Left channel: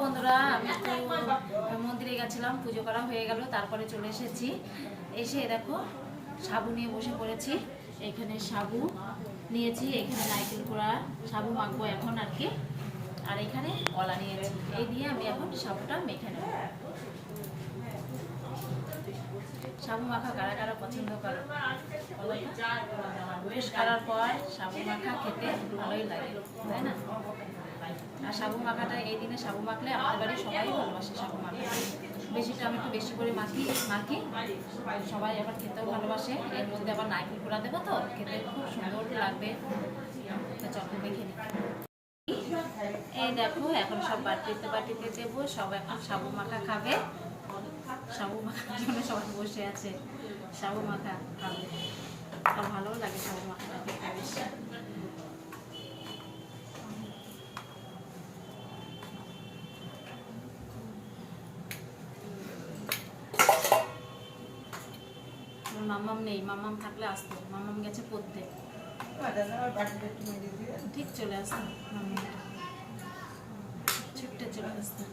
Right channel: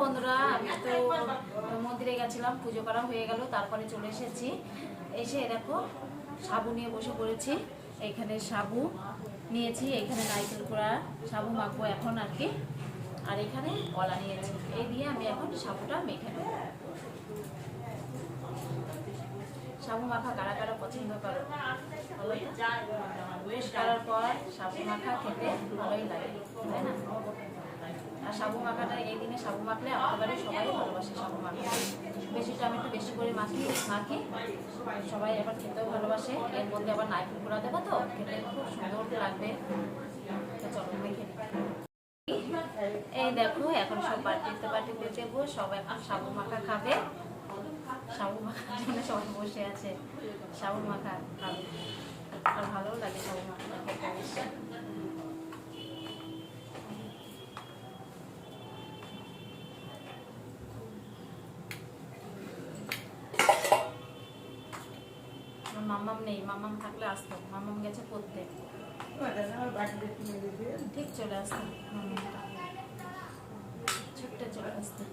বন্ধুরা, আমি তো মন্দিরে গেছিলাম, পুজো করা হয়ে গেল, তারপরে চলে এসেছি। এসে দেখো সাবু নিয়ে বসে পড়েছি। এখানে সাবু নিয়েছি, এখানে নারকেল কোড়া সাবু মাখবো এখন আর কি। আর এখানে কলা নিয়েছি, এই দিয়ে আমি এখন সাবুটা মেখে নেব। সাবু মাখা কারা কারা পছন্দ করো? বেশ করার পর সাবু মাখা খেতে ভালোই লাগে, তাই না? আর সাবু মাখাটা এই দিনে সাবু মাখলে আমাদের বাড়ি সবাই ভালোবাসে সাবু মাখা। বেশিটা আমি একটু বেশি করে মাখি সবাই আবার খেতেও ভালোবাসে। এর মধ্যে আবার নারকেল কোড়া দেবো, তো খেতে খুব সুন্দর লাগবে। চলো দেখে এই দেখো এখন সব বাটিতে দেবো, সব এখন সাবু মাখা খাবে। সাবু মাখার জন্য সবাই বসে আছে, সাবু মাখা খাবে। আর ভালোও লাগে সাবু মাখাটা খেতে বেশি। মাম্মাম নেই, মাম্মাম থাকলে আসতো, মাম্মাম গেছে পড়তে, ঠিক চলে আসতো। মাম্মামটা ছুটতে চলে আসতো।